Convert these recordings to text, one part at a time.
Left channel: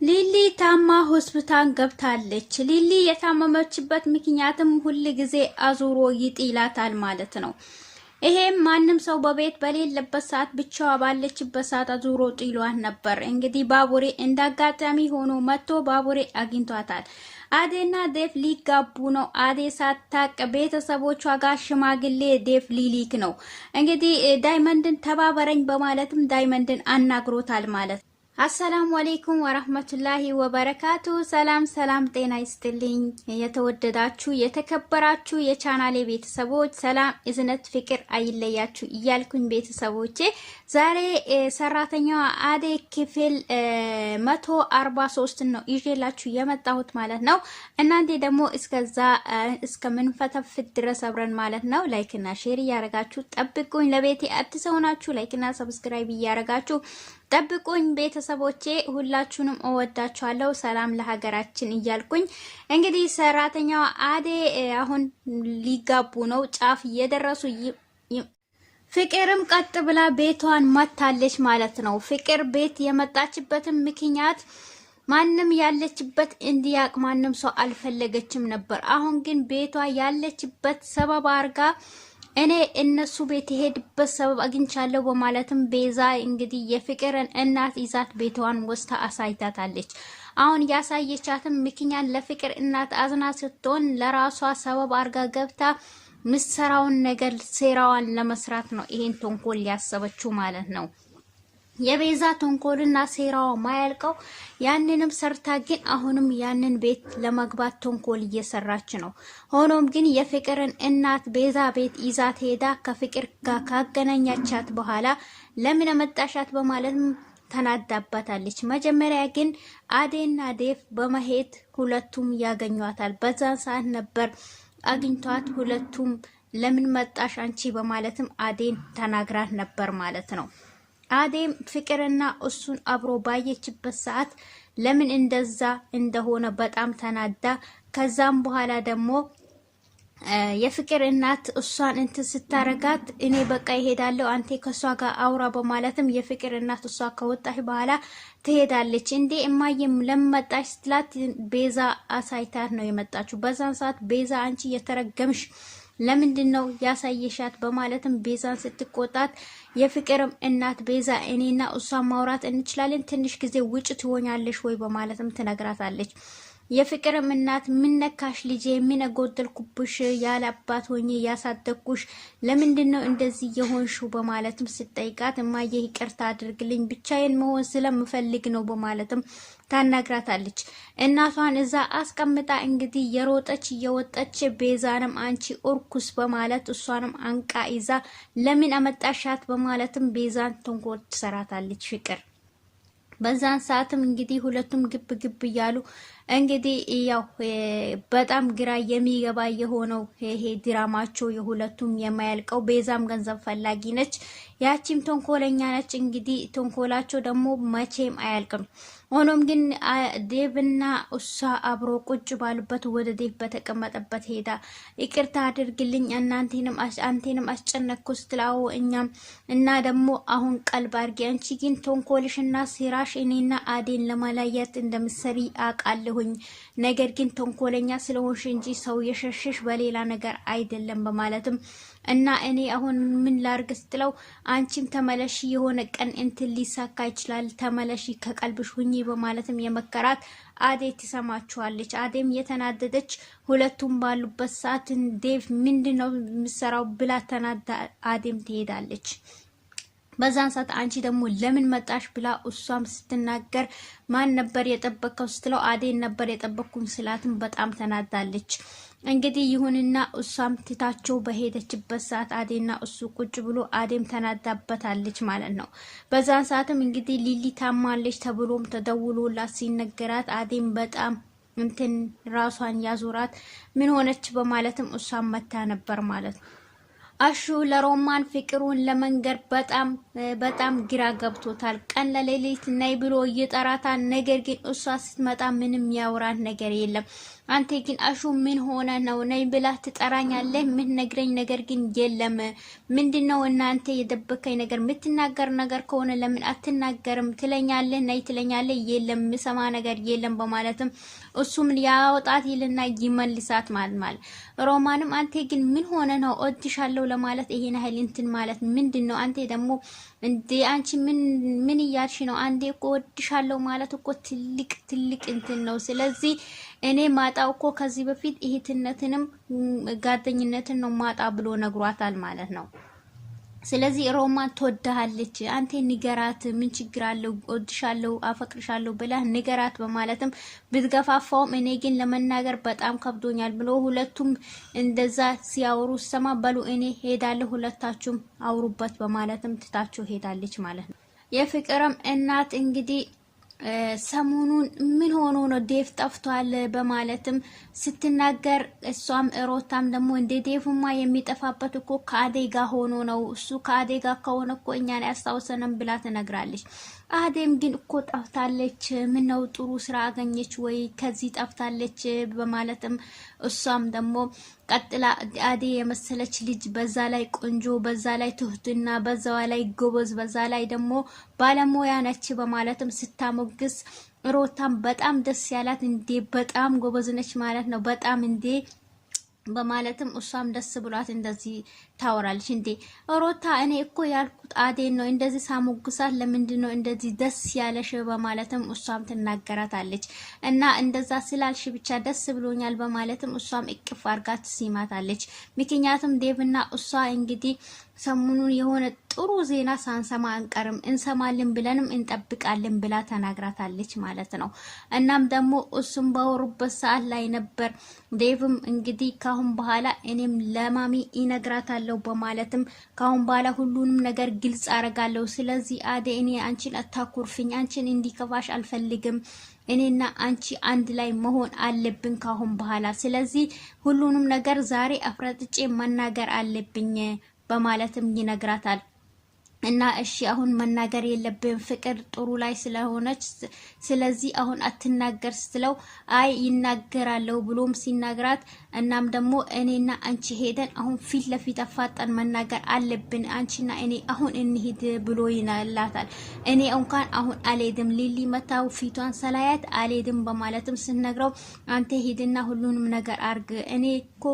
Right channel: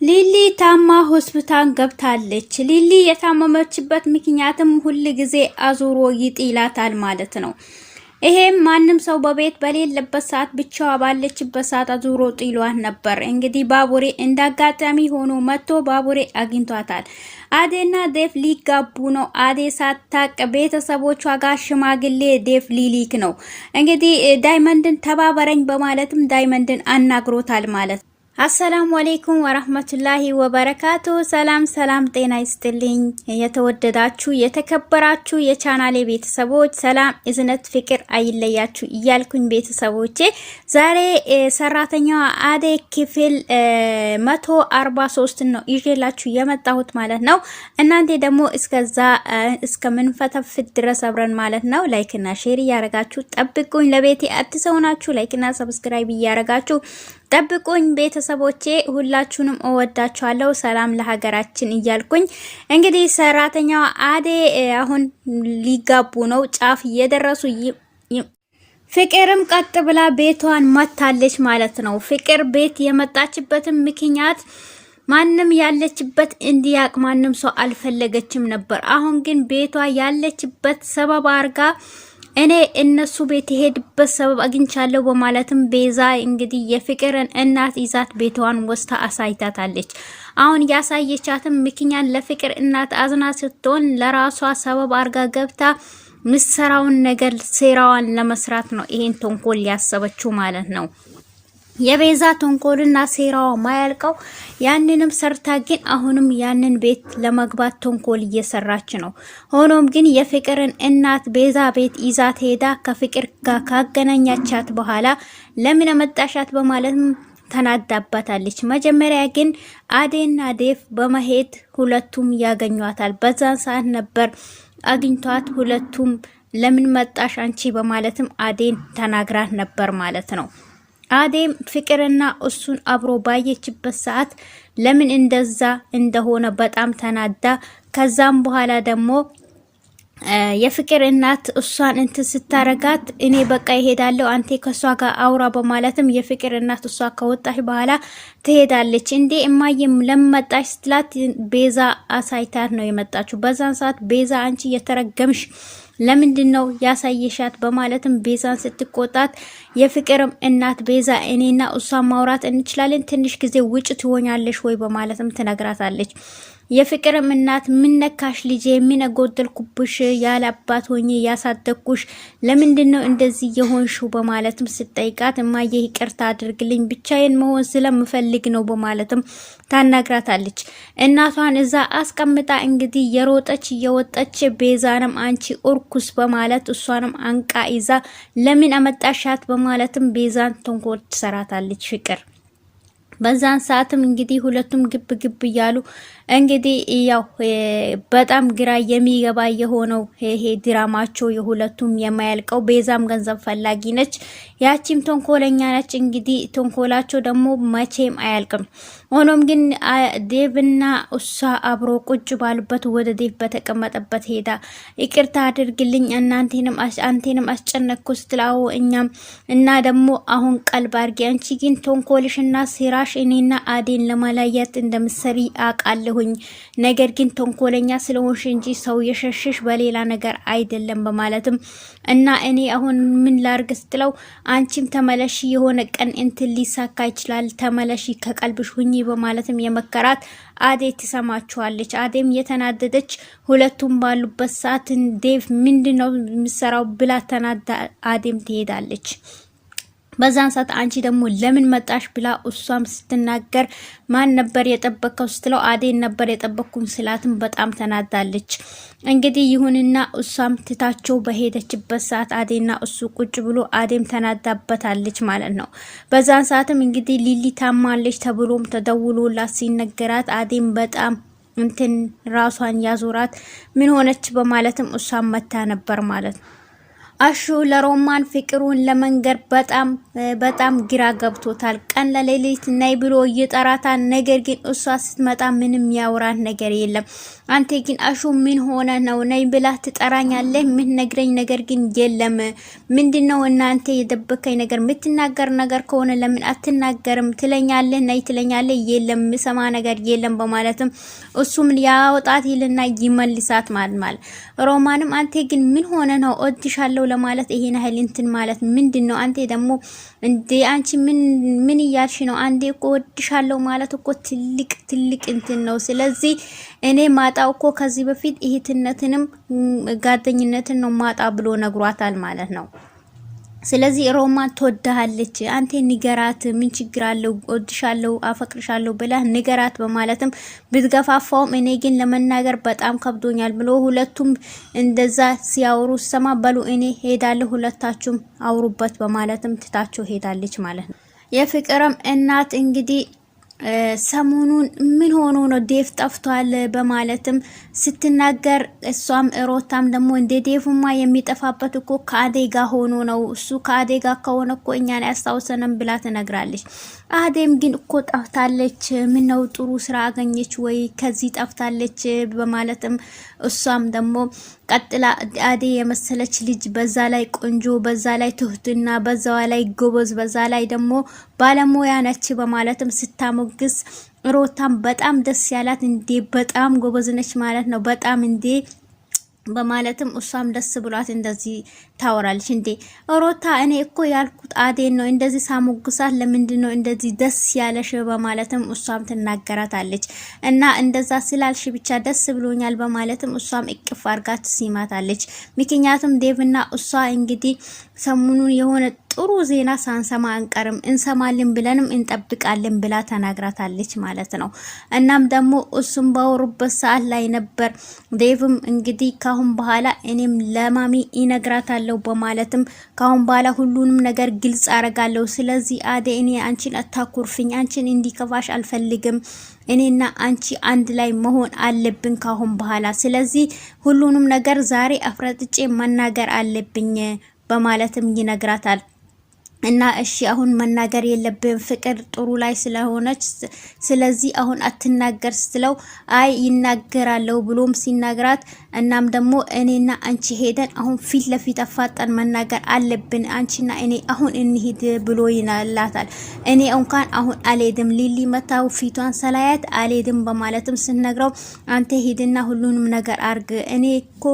ሊሊ ታማ ሆስፒታል ገብታለች። ሊሊ የታመመችበት ምክንያትም ሁሉ ጊዜ አዙሮ ይጥላታል ማለት ነው። ይሄም ማንም ሰው በቤት በሌለበት ሰዓት ብቻዋ ባለችበት ሰዓት አዙሮ ጥሏት ነበር። እንግዲህ ባቡሬ እንዳጋጣሚ ሆኖ መጥቶ ባቡሬ አግኝቷታል። አዴና ዴፍ ሊጋቡ ነው። አዴ ሳታቅ ቤተሰቦቿ ጋር ሽማግሌ ዴፍ ሊሊክ ነው። እንግዲህ ዳይመንድን ተባበረኝ በማለትም ዳይመንድን አናግሮታል ማለት ነው። አሰላሙ አለይኩም ወራህመቱላሂ ወበረካቱ። ሰላም ጤና ይስጥልኝ። የተወደዳችሁ የተከበራችሁ የቻናሌ ቤተሰቦች ሰላም እዝነት ፍቅር አይለያችሁ እያልኩኝ ቤተሰቦቼ ዛሬ ሰራተኛዋ አደይ ክፍል 143 ነው ይዤላችሁ የመጣሁት ማለት ነው። እናንተ ደግሞ እስከምንፈተፍት ድረስ አብረን ማለት ነው ላይክ እና ሼር እያረጋችሁ ጠብቁኝ። ለቤቴ አዲስ ሆናችሁ ላይክ እና ሰብስክራይብ እያረጋችሁ ጠብቁኝ ቤተሰቦቼ፣ ሁላችሁንም እወዳችኋለሁ። ሰላም ለሀገራችን እያልኩኝ እንግዲህ ሰራተኛዋ አደይ አሁን ሊጋቡ ነው፣ ጫፍ እየደረሱ ፍቅርም ቀጥ ብላ ቤቷን መታለች ማለት ነው። ፍቅር ቤት የመጣችበትም ምክንያት ማንም ያለችበት እንዲያቅ ማንም ሰው አልፈለገችም ነበር። አሁን ግን ቤቷ ያለችበት ሰበብ አርጋ እኔ እነሱ ቤት የሄድበት ሰበብ አግኝቻለሁ በማለትም ቤዛ እንግዲህ የፍቅርን እናት ይዛት ቤቷን ወስታ አሳይታታለች። አሁን ያሳየቻትም ምክንያት ለፍቅር እናት አዝና ስትሆን ለራሷ ሰበብ አርጋ ገብታ ምሰራውን ነገር ሴራዋን ለመስራት ነው ይሄን ተንኮል ያሰበችው ማለት ነው። የቤዛ ተንኮልና ሴራው ማያልቀው ያንንም ሰርታ ግን አሁንም ያንን ቤት ለመግባት ተንኮል እየሰራች ነው። ሆኖም ግን የፍቅርን እናት ቤዛ ቤት ይዛት ሄዳ ከፍቅር ጋር ካገናኛቻት በኋላ ለምን መጣሻት በማለትም ተናዳባታለች። መጀመሪያ ግን አዴና ዴፍ በመሄድ ሁለቱም ያገኟታል። በዛን ሰዓት ነበር አግኝቷት ሁለቱም ለምን መጣሽ አንቺ በማለትም አዴን ተናግራት ነበር ማለት ነው። አዴም ፍቅርና እሱን አብሮ ባየችበት ሰዓት ለምን እንደዛ እንደሆነ በጣም ተናዳ፣ ከዛም በኋላ ደግሞ የፍቅር እናት እሷን እንትን ስታረጋት እኔ በቃ ይሄዳለሁ አንተ ከሷ ጋር አውራ በማለትም የፍቅር እናት እሷ ከወጣች በኋላ ትሄዳለች። እንዴ እማዬም ለመጣሽ ስትላት ቤዛ አሳይታት ነው የመጣችው። በዛን ሰዓት ቤዛ አንቺ የተረገምሽ ለምንድነው ያሳየሻት በማለትም ቤዛን ስትቆጣት የፍቅርም እናት ቤዛ እኔና እሷ ማውራት እንችላለን ትንሽ ጊዜ ውጭ ትሆኛለሽ ወይ በማለትም ትነግራታለች። የፍቅርም እናት ምን ነካሽ ልጄ ምን ጎደልኩብሽ ያለ አባት ሆኜ ያሳደግኩሽ ለምንድነው እንደዚህ የሆንሽው በማለትም ስትጠይቃት እማዬ ይቅርታ አድርግልኝ ብቻዬን መሆን ስለምፈልግ ነው በማለትም ታናግራታለች። እናቷን እዛ አስቀምጣ እንግዲህ የሮጠች እየወጣች ቤዛንም አንቺ ኦርኩስ በማለት እሷንም አንቃ ይዛ ለምን አመጣሻት በማለትም ቤዛን ተንኮል ትሰራታለች ፍቅር። በዛን ሰዓትም እንግዲህ ሁለቱም ግብ እያሉ እንግዲህ ያው በጣም ግራ የሚገባ የሆነው ይሄ ድራማቸው የሁለቱም የማያልቀው። ቤዛም ገንዘብ ፈላጊ ነች፣ ያቺም ተንኮለኛ ነች። እንግዲህ ተንኮላቸው ደግሞ መቼም አያልቅም። ሆኖም ግን ዴቭና እሷ አብሮ ቁጭ ባሉበት ወደ ዴቭ በተቀመጠበት ሄዳ ይቅርታ አድርግልኝ አንቴንም አስጨነቅኩ ስትላው እኛም እና ደግሞ አሁን ቀልብ አድርጊ አንቺ ግን ተንኮልሽና ሴራሽ እኔና አዴን ለማላያት እንደምትሰሪ አውቃለሁኝ። ነገር ግን ተንኮለኛ ስለሆንሽ እንጂ ሰው የሸሽሽ በሌላ ነገር አይደለም በማለትም እና እኔ አሁን ምን ላርግ ስትለው አንቺም ተመለሺ የሆነ ቀን እንትን ሊሳካ ይችላል ተመለሺ ከቀልብሽ ሁኚ በማለትም የመከራት አዴ ትሰማቸዋለች። አዴም የተናደደች ሁለቱም ባሉበት ሰዓት ዴቭ ምንድነው የምሰራው ብላ ተናዳ አዴም ትሄዳለች። በዛን ሰዓት አንቺ ደግሞ ለምን መጣሽ ብላ እሷም ስትናገር ማን ነበር የጠበቀው ስትለው አዴን ነበር የጠበቅኩም ስላትም በጣም ተናዳለች። እንግዲህ ይሁንና እሷም ትታቸው በሄደችበት ሰዓት አዴና እሱ ቁጭ ብሎ አዴም ተናዳበታለች ማለት ነው። በዛን ሰዓትም እንግዲህ ሊሊ ታማለች ተብሎም ተደውሎላት ሲነገራት አዴም በጣም እንትን ራሷን ያዞራት ምን ሆነች በማለትም እሷም መታ ነበር ማለት ነው። አሹ ለሮማን ፍቅሩን ለመንገር በጣም ግራ ገብቶታል። ቀን ለሌሊት ናይ ብሎ ይጠራታል። ነገር ግን እሷ ስትመጣ ምንም ያወራት ነገር የለም። አንተ ግን አሹ ምን ሆነ ነው ነይ ብላ ትጠራኛለህ? ምን ነግረኝ ነገር ግን የለም። ምንድነው እናንተ የደበከኝ ነገር? የምትናገር ነገር ከሆነ ለምን አትናገርም? ትለኛለህ፣ ነይ ትለኛለህ፣ የለም ሰማ ነገር የለም በማለትም እሱም ያወጣት ይልና ይመልሳት ማለት ሮማንም አንተ ግን ምን ሆነ ነው እወድሻለሁ ለማለት ይሄን ኃይል እንትን ማለት ምንድነው? አንተ ደግሞ እንዴ አንቺ ምን እያልሽ ነው? አንዴ እኮ እወድሻለሁ ማለት እኮ ትልቅ እንትን ነው። ስለዚህ እኔ ማጣው እኮ ከዚህ በፊት እህትነትንም ጓደኝነትን ነው ማጣ ብሎ ነግሯታል ማለት ነው። ስለዚህ ሮማን ትወድሃለች፣ አንተ ንገራት፣ ምን ችግር አለው? እወድሻለሁ፣ አፈቅርሻለሁ ብላ ንገራት በማለትም ብትገፋፋውም እኔ ግን ለመናገር በጣም ከብዶኛል ብሎ ሁለቱም እንደዛ ሲያወሩ ሰማ በሉ እኔ ሄዳለሁ፣ ሁለታችሁም አውሩበት በማለትም ትታቸው ሄዳለች ማለት ነው። የፍቅርም እናት እንግዲህ ሰሞኑን ምን ሆኖ ነው ዴቭ ጠፍቷል በማለትም ስትናገር እሷም ሮታም ደግሞ እንደ ዴቭማ የሚጠፋበት እኮ ከአዴጋ ሆኖ ነው እሱ ከአዴጋ ከሆነ እኮ እኛን ያስታውሰንም ብላ ትነግራለች። አዴም ግን እኮ ጠፍታለች፣ ምን ነው ጥሩ ስራ አገኘች ወይ ከዚህ ጠፍታለች በማለትም እሷም ደግሞ ቀጥላ አዴ የመሰለች ልጅ በዛ ላይ ቆንጆ በዛ ላይ ትሁትና በዛ ላይ ጎበዝ በዛ ላይ ደግሞ ባለሙያ ነች በማለትም ስታሞግስ ሮታም በጣም ደስ ያላት እንዴ በጣም ጎበዝ ነች ማለት ነው በጣም እንዴ በማለትም እሷም ደስ ብሏት እንደዚህ ታወራለች። እንዴ ሮታ እኔ እኮ ያልኩት አዴን ነው እንደዚህ ሳሞግሳት ለምንድን ነው እንደዚህ ደስ ያለሽ በማለትም እሷም ትናገራታለች። እና እንደዛ ስላልሽ ብቻ ደስ ብሎኛል በማለትም እሷም እቅፍ አርጋት ሲማታለች። ምክንያቱም ዴቭና እሷ እንግዲህ ሰሞኑን የሆነ ጥሩ ዜና ሳንሰማ አንቀርም እንሰማልን ብለንም እንጠብቃለን ብላ ተናግራታለች ማለት ነው። እናም ደግሞ እሱም ባወሩበት ሰዓት ላይ ነበር ዴቭም እንግዲህ ካሁን በኋላ እኔም ለማሚ ይነግራታለሁ በማለትም ካሁን በኋላ ሁሉንም ነገር ግልጽ አረጋለሁ። ስለዚህ አዴ እኔ አንቺን አታኩርፍኝ፣ አንቺን እንዲከፋሽ አልፈልግም፣ እኔና አንቺ አንድ ላይ መሆን አለብን ካሁን በኋላ። ስለዚህ ሁሉንም ነገር ዛሬ አፍረጥጬ መናገር አለብኝ በማለትም ይነግራታል። እና እሺ አሁን መናገር የለብን ፍቅር ጥሩ ላይ ስለሆነች ስለዚህ አሁን አትናገር ስትለው አይ ይናገራለው ብሎም ሲናገራት እናም ደግሞ እኔና አንቺ ሄደን አሁን ፊት ለፊት አፋጣን መናገር አለብን አንቺና እኔ አሁን እንሂድ ብሎ ይናላታል። እኔ እንኳን አሁን አልሄድም ሊሊ መታው ፊቷን ሰላያት አልሄድም በማለትም ስነግረው አንተ ሄድና ሁሉንም ነገር አርግ፣ እኔ እኮ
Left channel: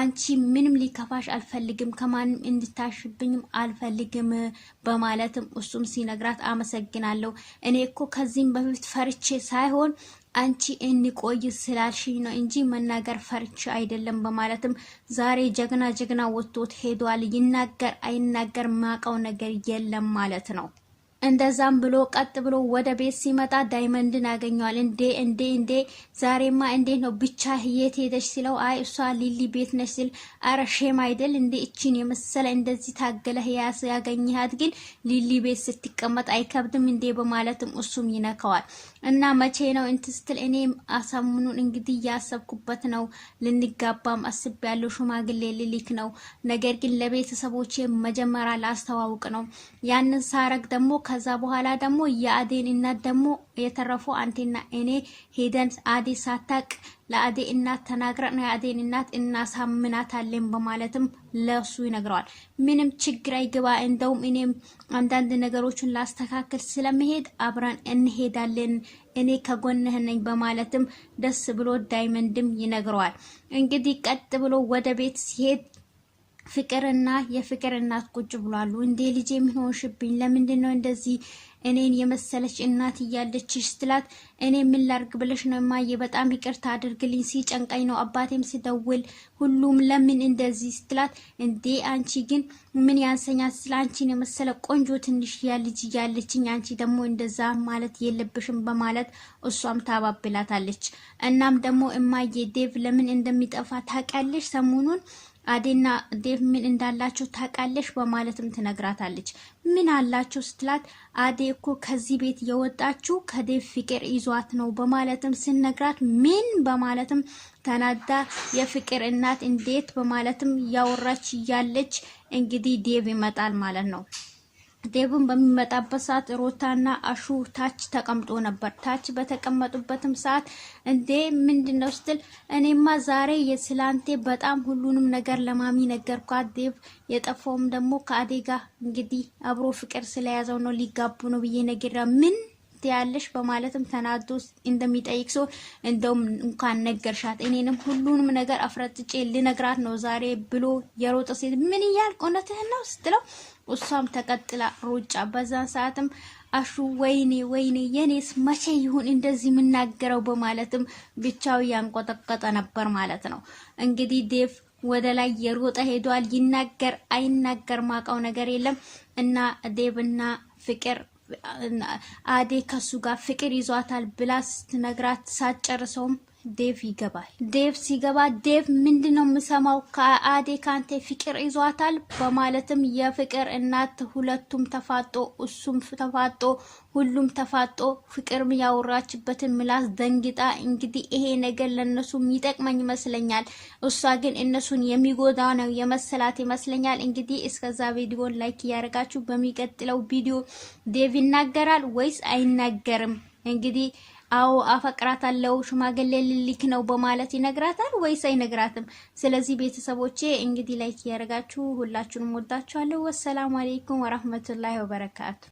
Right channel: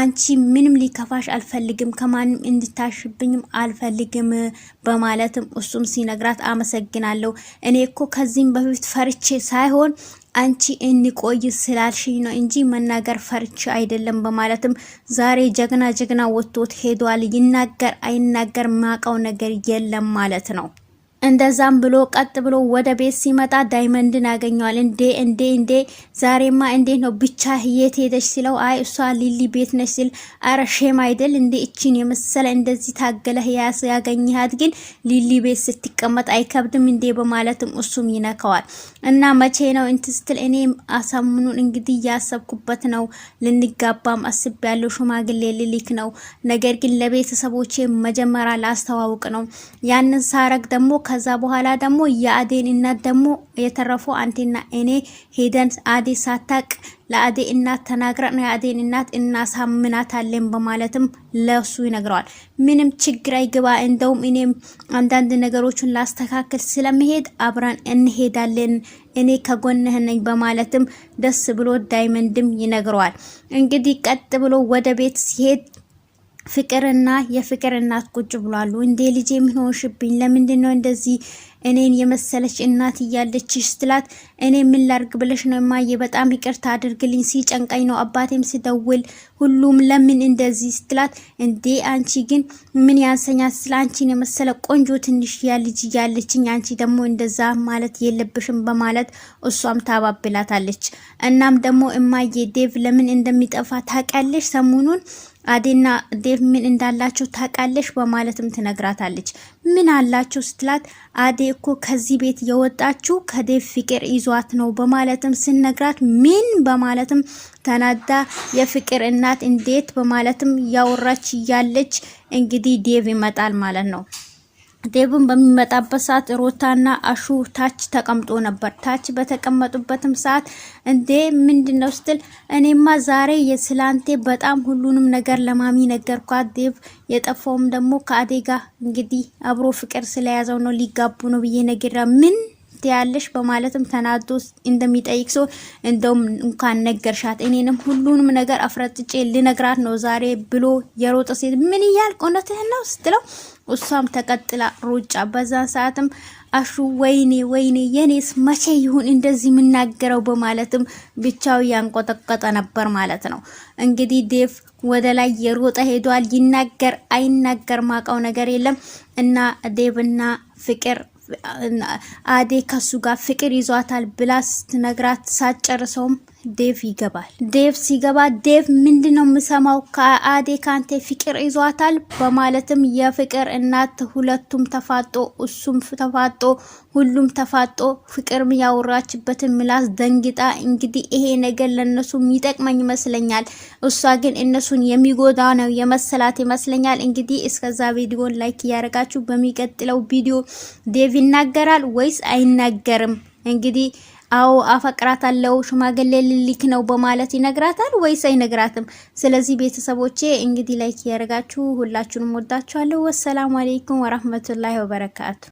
አንቺ ምንም ሊከፋሽ አልፈልግም፣ ከማንም እንድታሽብኝም አልፈልግም በማለትም እሱም ሲነግራት አመሰግናለሁ፣ እኔ እኮ ከዚህም በፊት ፈርቼ ሳይሆን አንቺ እንቆይ ስላልሽኝ ነው እንጂ መናገር ፈርቼ አይደለም በማለትም ዛሬ ጀግና ወጥቶት ሄዷል። ይናገር አይናገር ማቀው ነገር የለም ማለት ነው። እንደዛም ብሎ ቀጥ ብሎ ወደ ቤት ሲመጣ ዳይመንድን ያገኘዋል። እንዴ ዛሬማ እንዴ ነው ብቻ የት ሄደሽ ሲለው አይ እሷ ሊሊ ቤት ነሽ ሲል አረ ሼም አይደል እንዴ እቺን የመሰለ እንደዚህ ታገለህ ያገኘሃት ግን ሊሊ ቤት ስትቀመጥ አይከብድም እንዴ በማለትም እሱም ይነካዋል። እና መቼ ነው እንትስትል እኔም አሳምኑን እንግዲህ ያሰብኩበት ነው ልንጋባም አስቤያለሁ፣ ሽማግሌ ልልክ ነው፣ ነገር ግን ለቤተሰቦቼ መጀመሪያ ላስተዋውቅ ነው። ያንን ሳረግ ደግሞ ከዛ በኋላ ደግሞ የአዴን እናት ደግሞ የተረፈው አንቴና እኔ ሄደን አዴ ሳታቅ ለአዴ እናት ተናግረን የአዴን እናት እናሳምናታለን በማለትም ለሱ ይነግረዋል። ምንም ችግር አይገባ፣ እንደውም እኔም አንዳንድ ነገሮችን ላስተካክል ስለመሄድ አብረን እንሄዳለን፣ እኔ ከጎንህ ነኝ በማለትም ደስ ብሎ ዳይመንድም ይነግረዋል። እንግዲህ ቀጥ ብሎ ወደ ቤት ሲሄድ ፍቅርና የፍቅር እናት ቁጭ ብሏሉ። እንዴ ልጄ ምን ሆንሽብኝ? ለምንድነው እንደዚህ እኔን የመሰለች እናት እያለችሽ ስትላት እኔ ምን ላርግ ብለሽ ነው ማየ፣ በጣም ይቅርታ አድርግልኝ፣ ሲጨንቀኝ ነው አባቴም ሲደውል ሁሉም ለምን እንደዚህ ስትላት እንዴ አንቺ ግን ምን ያንሰኛት ስለ አንቺን የመሰለ ቆንጆ ትንሽ ያልጅ እያለችኝ አንቺ ደግሞ እንደዛ ማለት የለብሽም በማለት እሷም ታባብላታለች። እናም ደግሞ እማዬ ዴቭ ለምን እንደሚጠፋ ታውቂያለሽ? ሰሞኑን አዴና ዴቭ ምን እንዳላቸው ታውቃለሽ በማለትም ትነግራታለች። ምን አላቸው ስትላት አዴ እኮ ከዚህ ቤት የወጣችው ከዴቭ ፍቅር ይዟት ነው በማለትም ስነግራት ምን በማለትም ተናዳ የፍቅር እናት እንዴት በማለትም ያወራች ያለች እንግዲህ ዴቭ ይመጣል ማለት ነው። ዴቭን በሚመጣበት ሰዓት ሮታና አሹ ታች ተቀምጦ ነበር። ታች በተቀመጡበትም ሰዓት እንዴ ምንድነው ስትል እኔማ ዛሬ የስላንቴ በጣም ሁሉንም ነገር ለማሚ ነገርኳት። ዴቭ የጠፋውም ደግሞ ከአዴጋ እንግዲህ አብሮ ፍቅር ስለያዘው ነው ሊጋቡ ነው ብዬ ነገራ ምን ያለሽ በማለትም ተናዶ እንደሚጠይቅ ሰው እንደውም እንኳን ነገርሻት እኔንም ሁሉንም ነገር አፍረጥጬ ልነግራት ነው ዛሬ ብሎ የሮጠ ሴት ምን ይያል ቆነትህ ነው ስትለው እሷም ተቀጥላ ሩጫ። በዛን ሰዓትም አሹ ወይኔ የኔስ መቼ ይሁን እንደዚህ የምናገረው በማለትም ብቻው ያንቆጠቆጠ ነበር ማለት ነው። እንግዲህ ዴቭ ወደ ላይ የሮጠ ሄዷል። ይናገር አይናገር ማቀው ነገር የለም እና ዴቭና ፍቅር አዴ ከሱ ጋር ፍቅር ይዟታል ብላ ስትነግራት ሳጨርሰውም ዴቭ ይገባል። ዴቭ ሲገባ ዴቭ ምንድነው የምሰማው ከአዴ ካንተ ፍቅር ይዟታል በማለትም የፍቅር እናት ሁለቱም ተፋጦ እሱም ተፋጦ ሁሉም ተፋጦ ፍቅር ያወራችበትን ምላስ ደንግጣ እንግዲህ ይሄ ነገር ለነሱ የሚጠቅመኝ ይመስለኛል፣ እሷ ግን እነሱን የሚጎዳ ነው የመሰላት ይመስለኛል። እንግዲህ እስከዛ ቪዲዮን ላይክ ያረጋችሁ በሚቀጥለው ቪዲዮ ዴቭ ይናገራል ወይስ አይናገርም? እንግዲህ አው አፈቅራታለሁ ሽማግሌ ልልክ ነው በማለት ይነግራታል ወይስ አይነግራትም? ስለዚህ ቤተሰቦቼ እንግዲህ ላይክ ያረጋችሁ ሁላችሁንም ወዳችኋለሁ። ወሰላሙ አለይኩም ወራህመቱላሂ ወበረካቱ።